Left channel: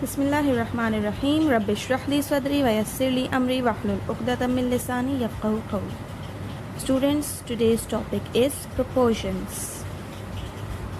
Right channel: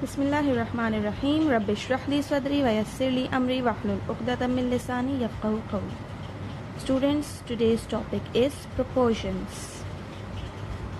बिस्मिल्लाहिर्रहमानिर्रहीम रब्बिश्रह ली सदरी वयस्सिर ली अमरी वहलुल उक़दतम मिन लिसानी यफ़क़हू क़ौली। Students, today's topic is proportions.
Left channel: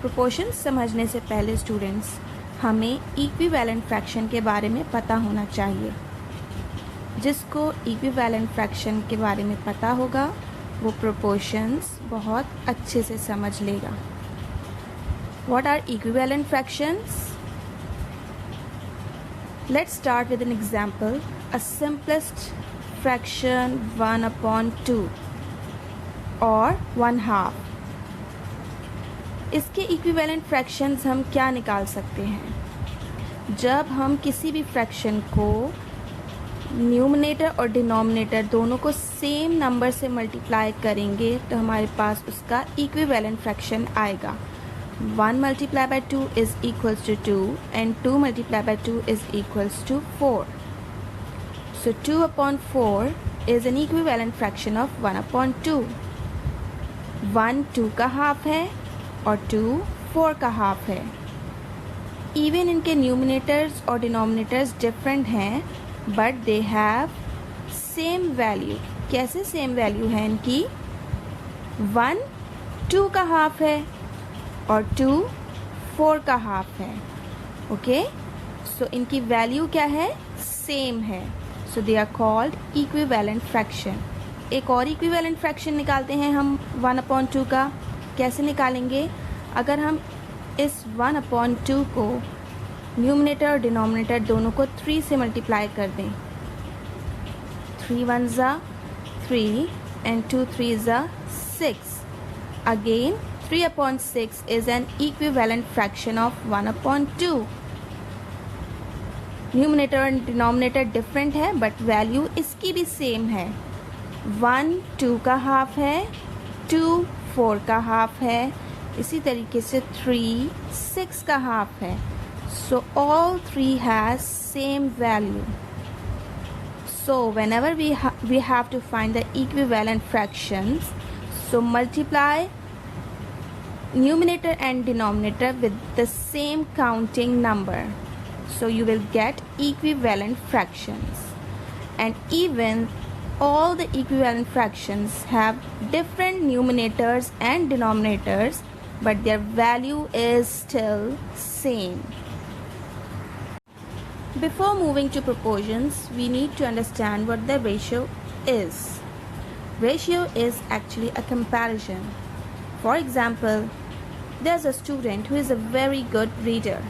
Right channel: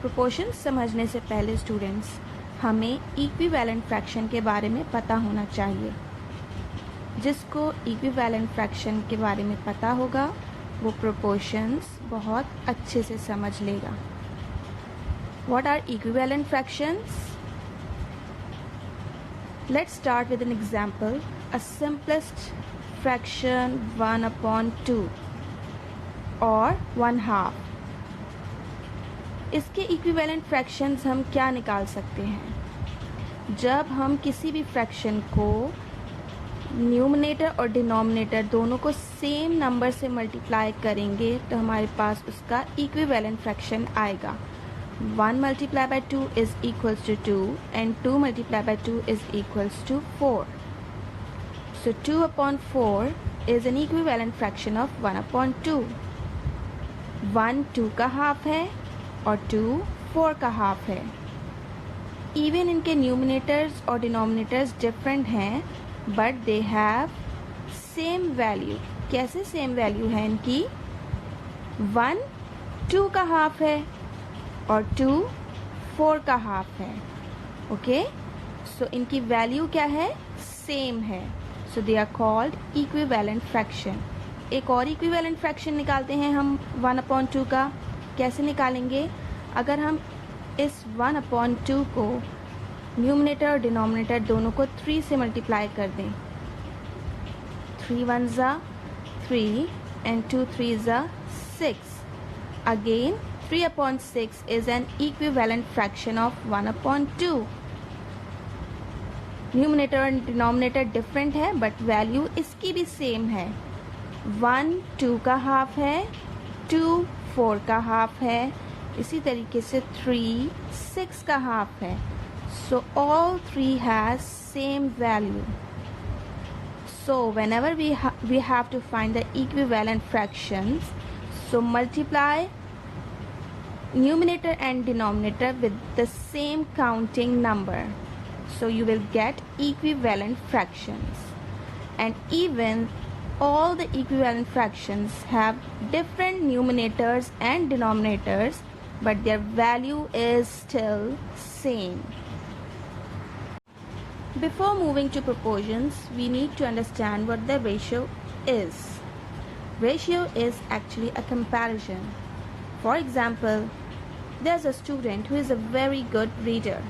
Proportions समझने से पहले स्टूडेंट्स हमें इक्विवेलेंट फ्रैक्शन के बारे में पता होना चाहिए। जिसको इक्विवेलेंट फ्रैक्शन के बारे में पता होगा वो प्रोपोर्शंस बहुत अच्छे से समझ लेगा। What are equivalent fractions? Let's start with an example. A simplest fraction 1/2 or 1/2. इसके इक्विवेलेंट फ्रैक्शंस हम क्या निकाल सकते हैं? जब हम किसी भी फ्रैक्शन को न्यूमरेटर और डिनोमिनेटर दोनों को सेम नंबर से मल्टीप्लाई करेंगे तो हमारे पास उसका इक्विवेलेंट फ्रैक्शन आएगा। 1 multiplied by 2 is equals to 2 and 2 multiplied by 2 is equals to 4. So 2/4 is an equivalent fraction of 1/2. 1 2 का हाफ है और 2 4 का हाफ है। इवन इनके न्यूमिनेटर्स और डिनोमिनेटर्स डिफरेंट हैं but they have same value. कैसे सेम वैल्यू है इनकी? 1 2 का हाफ है और 2 4 का हाफ है। ओके, सो इनकी वैल्यू क्या है? सेम है। So they are called equivalent fraction. एक और इक्विवेलेंट फ्रैक्शन निकालते हैं हम 1/2 का। कैसे निकालेंगे? अगर हम इस 1/2 को न्यूमरेटर और डिनोमिनेटर दोनों को 3 से मल्टीप्लाई कर दें। 3 1s are 3 and 2 3s are 6. Again 3/6 is an equivalent fraction of 1/2. Numerator और डिनोमिनेटर डिफरेंट है बट वैल्यू इसकी भी सेम है। 1 2 का हाफ है, 2 4 का हाफ है, इसी तरीके से 3 6 का हाफ है। So all 3 has same value. So whenever we have to find the equivalent fractions, so multiply numerator and denominator with the same counting number, so you will get equivalent fractions. And even all the equivalent fractions have different numerators and denominators, but their value is still same. Before moving to proportions, we need to understand what the ratio is. Ratio is actually a comparison. For example, there's a student who is a very good reader,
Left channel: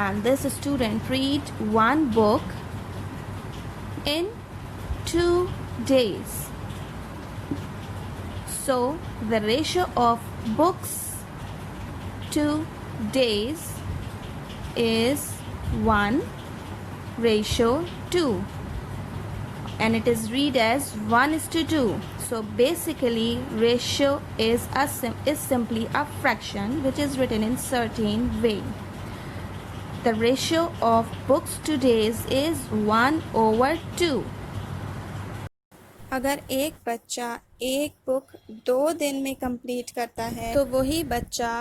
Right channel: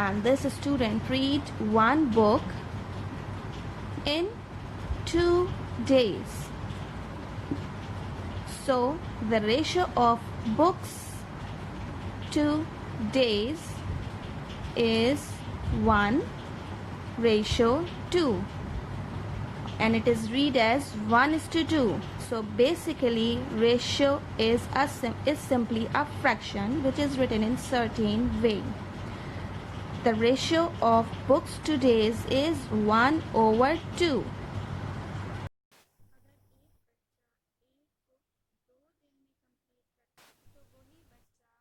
and this student read one book in 2 days. So the ratio of books to days is 1/2, and it is read as 1:2. So basically ratio is simply a fraction which is written in certain way. The ratio of books to days is 1/2. अगर एक बच्चा एक book 2 दिन में complete करता है तो वही बच्चा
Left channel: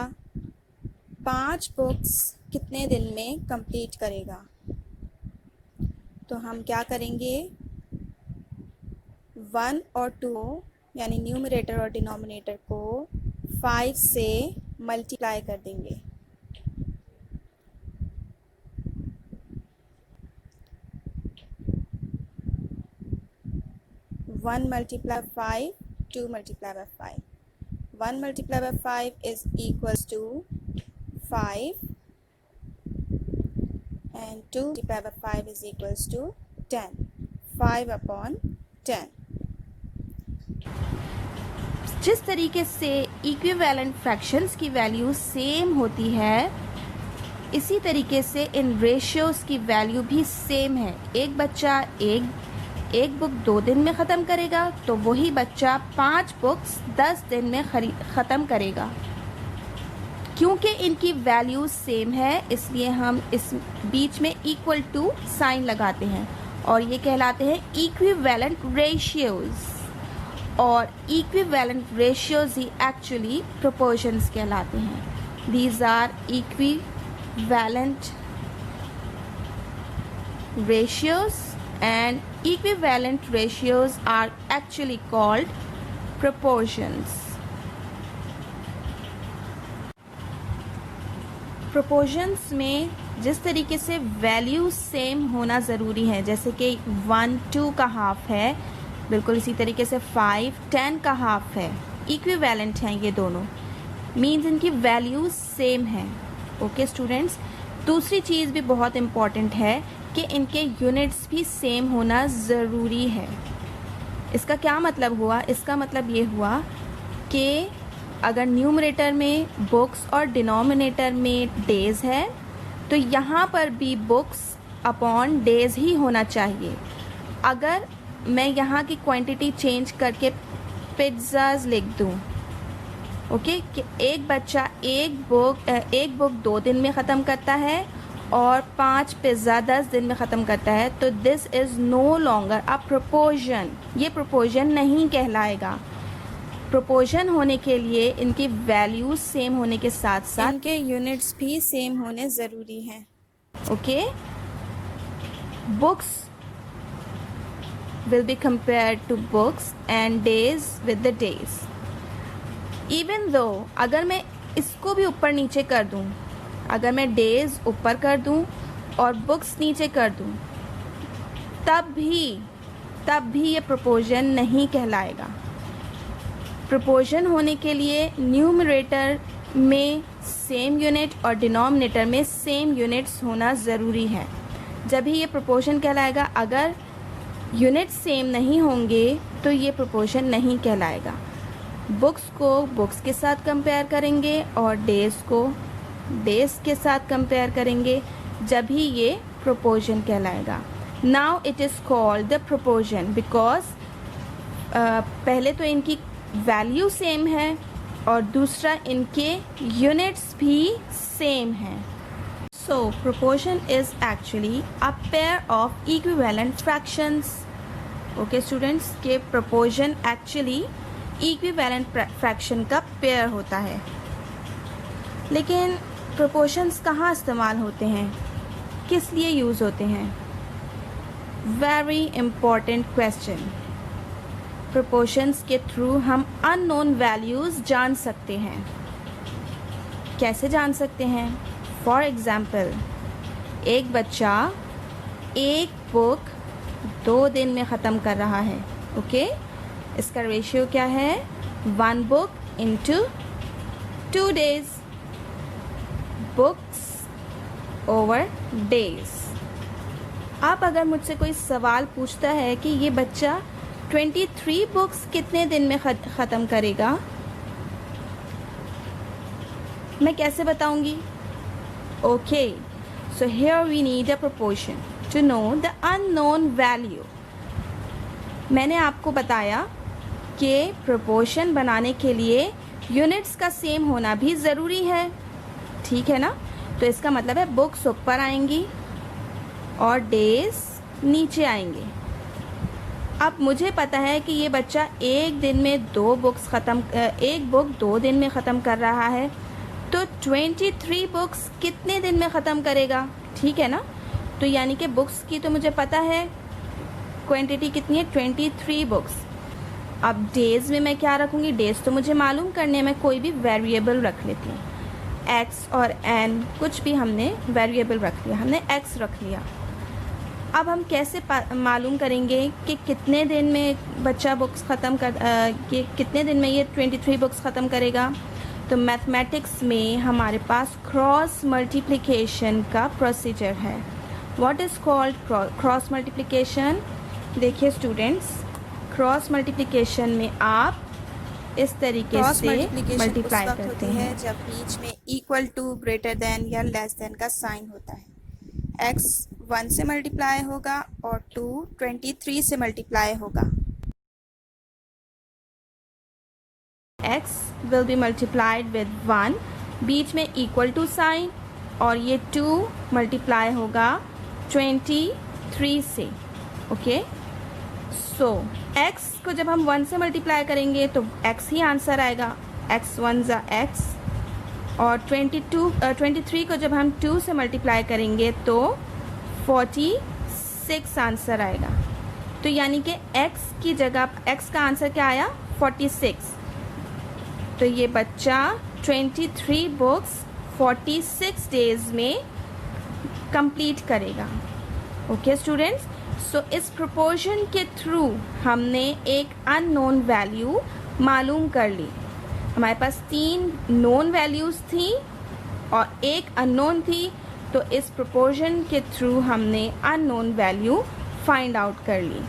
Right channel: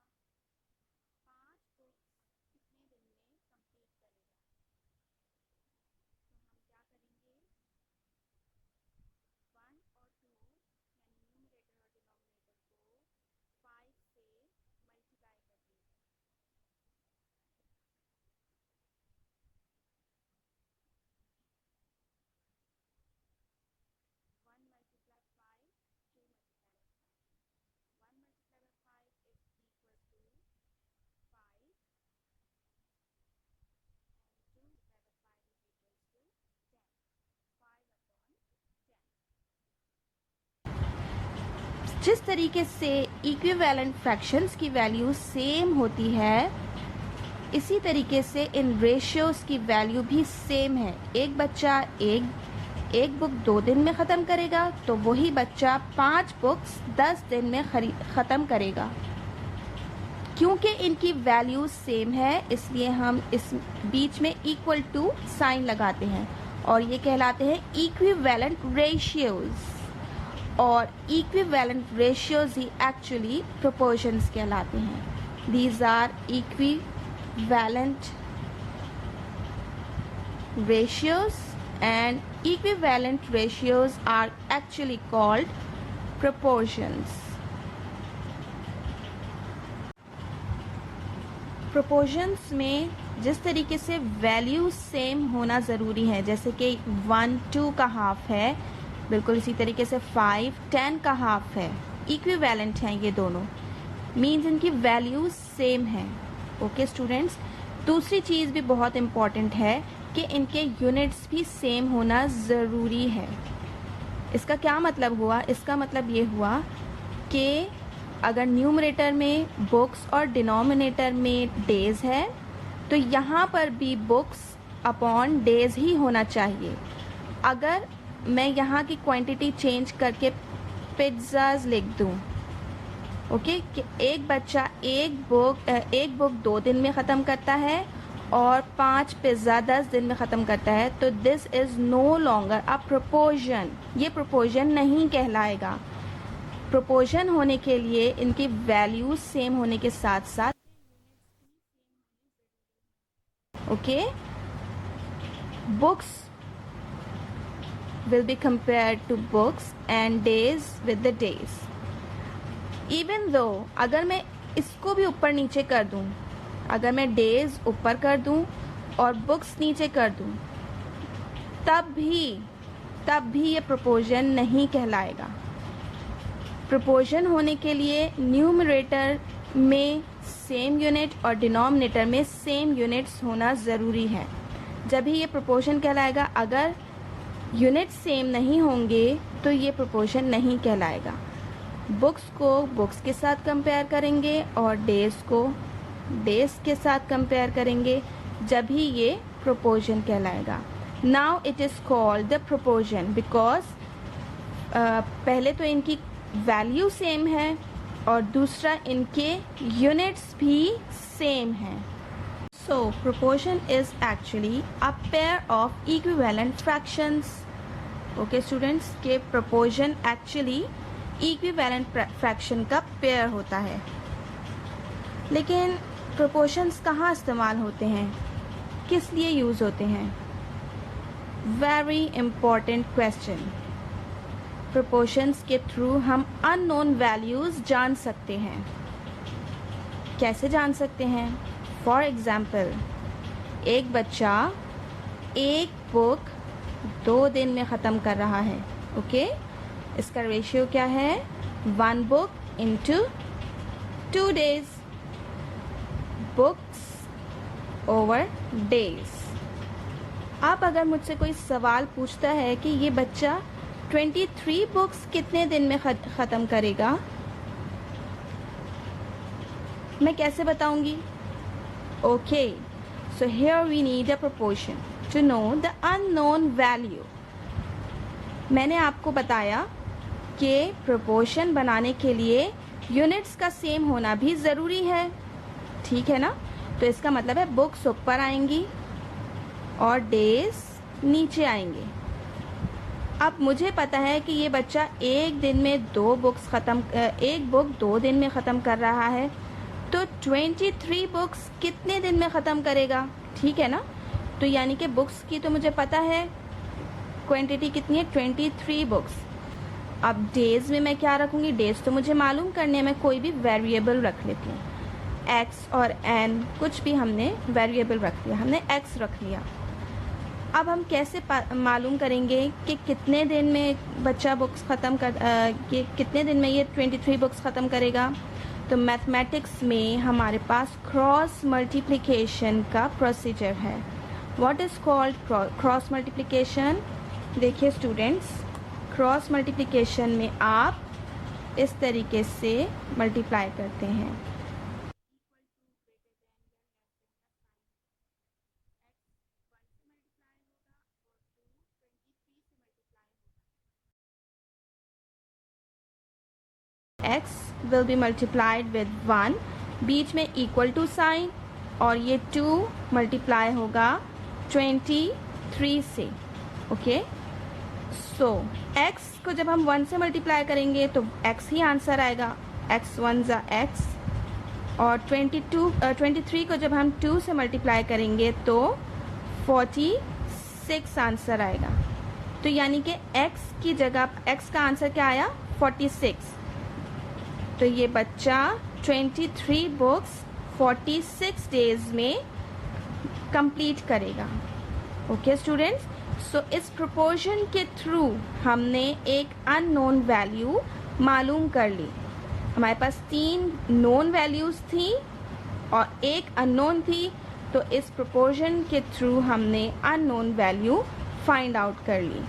5 बुक्स कितने दिन में कंप्लीट करेगा? तो हम क्या करेंगे? 1 और 2 यानी न्यूमरेटर और डिनोमिनेटर को 5 से मल्टीप्लाई कर देंगे। One multiply 5, 2 multiply by 5. 1 multiplied by 5 is equals to 5 and 2 multiplied by 5 is equals to 10. 5/10. जिस तरीके से इक्विवेलेंट फ्रैक्शंस की वैल्यू सेम होती है, इसी तरीके से इन रेशियोज़ की वैल्यू भी सेम है। एक बच्चा एक बुक 2 दिन में ख़त्म करेगा तो वही बच्चा 5 बुक्स 10 दिन में ख़त्म करेगा। क्योंकि इनकी वैल्यू सेम है इसलिए हम इस बीच में इक्वल टू साइन लगाते हैं और ये कहलाते हैं इक्विवेलेंट रेशियोज़। और इक्विवेलेंट रेशियोज़ ही एक्चुअली प्रोपोर्शंस कहलाते हैं। These are equivalent ratios and equivalent ratios are actually called proportions. Proportions में जिस तरीके से वैल्यू सेम होना ज़रूरी है, जैसे कि 1 2 का हाफ है, बिल्कुल इसी तरीके से 5 10 का हाफ है, इक्विवेलेंट हैं ये दोनों, मीन्स इनकी वैल्यू सेम है. ओके स्टूडेंट्स, दूसरी चीज़ भी बहुत इम्पॉर्टेंट है कि इनके यूनिट्स भी सेम होना ज़रूरी है. इसका क्या मतलब हुआ? इसका मतलब ये हुआ कि अगर न्यूमरेटर में बुक्स और डिनोमिनेटर में डेज़ है तो यहाँ पर भी बुक्स अपॉन डेज़ ही होना चाहिए. अगर मैं यहाँ की क्वांटिटी चेंज करके पिज़्ज़ाज़ लिख दूँ, ओके, कि एक बच्चा एक बुक 2 दिन में ख़त्म करता है और 5 पिज़्ज़ा 10 दिन में ख़त्म करता है, तो this is no longer a proportion. ये प्रोपोर्शन नहीं कहलाएगा. प्रोपोर्शन होने के लिए इनकी वैल्यूज सेम होने के साथ साथ इनके यूनिट्स भी सेम होने ज़रूरी हैं. Okay, books will be compared to books and days with the days. Even though अगर मैं इसको भी ऊपर नीचे कर दूँ, अगर मैं डेज ऊपर कर दूँ और बुक्स नीचे कर दूँ, तब भी ये प्रोपोर्शन नहीं कहलाएगा. प्रोपोर्शन होने के लिए न्यूमरेटर में सेम यूनिट और डिनोमिनेटर में सेम यूनिट्स होना ज़रूरी है, जब ही ये प्रोपोर्शन कहलाएगा. अगर यूनिट सेम नहीं होंगे तो ये प्रोपोर्शन नहीं कहलाएगा. बुक्स को बुक्स के साथ कंपेयर करेंगे और डेज़ को डेज़ के साथ कंपेयर करेंगे, जब ही ये प्रोपोर्शन कहलाएगा. Now it is called the proportion because पहले तो इनकी वैल्यू सेम है और दूसरा इनके यूनिट्स भी सेम हैं. So, proportion is actually a pair of equivalent fractions. Okay students, के proportion actually equivalent fraction का pair होता है. लेकिन proportions कहाँ इस्तेमाल होते हैं, किस लिए यूज़ होते हैं? Very important question. Proportions के थ्रू हम unknown values जान सकते हैं. कैसे जान सकते हैं? फॉर एग्ज़ाम्पल, एक बच्चा एक बुक 2 दिन में ख़त्म कर रहा है. ओके, इसका रेशियो क्या है? 1 book into 2 days, books over days. अब अगर मुझसे कोई सवाल पूछता है कि ये बच्चा 23 बुक्स कितने दिन में ख़त्म करेगा, मैं कैसे बताऊंगी? Okay, so here we need a proportion to know the unknown value. मैंने आपको बताया कि proportion बनाने के लिए यूनिट्स का सेम होना भी ज़रूरी है. ठीक है ना? तो इसका मतलब है बुक्स ऊपर आएंगी और डेज नीचे आएंगे. अब मुझे पता है कि ये बच्चा एक दिन में एक बुक 2 दिन में ख़त्म कर रहा है, तो 23 बुक्स कितने दिन में ख़त्म करेगा? ठीक है ना? तो यानी कि बुक्स की तो मुझे पता है क्वांटिटी कितनी है, 23 बुक्स. अब डेज़ में मैं क्या रखूँगी? डेज़ तो मुझे मालूम करने में कोई भी वेरिएबल रख लेती हूँ. एक्स और एन कुछ भी हमने वेरिएबल रख लिया, हमने एक्स रख लिया. अब हम कैसे मालूम करेंगे कि कितने दिन में बच्चा बुक्स ख़त्म कितने दिन में ये 23 बुक्स ख़त्म करेगा? तो मैथमेटिक्स में हमारे पास क्रॉस मल्टीप्लिकेशन का प्रोसीजर है. What is called cross multiplication? देखिए स्टूडेंट्स, क्रॉस मल्टीप्लिकेशन में आप इस तरीके से मल्टीप्लाई करते हैं जब बीच में इक्वल टू, ग्रेटर देन या लेस देन का साइन होता है. x 1 से मल्टीप्लाई होगा और 2 23 से मल्टीप्लाई होगा. x will be multiplied with 1, बीच में इक्वल टू साइन, और ये 2 मल्टीप्लाई होगा 23 से. ओके, सो x को जब हम 1 से मल्टीप्लाई करेंगे तो x ही आंसर आएगा. x 1 ज़ा x. और 23 को जब हम 2 से मल्टीप्लाई करेंगे तो 47. 46 आंसर आएगा। तो यानी कि x की जगह x का आंसर क्या आया 46। तो ये बच्चा 23 बुक्स 46 डेज में कंप्लीट करेगा। ओके स्टूडेंट्स, सो इस प्रोपोर्शन के थ्रू हमने एक अननोन वैल्यू मालूम कर ली। हमारे पास 3 नोन वैल्यूज़ थी और एक अननोन थी, तो इस प्रोपोर्शन के थ्रू हमने अननोन वैल्यू फाइंड आउट कर ली।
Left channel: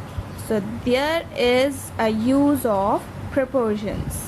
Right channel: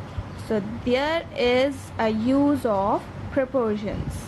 So there is a use of proportions.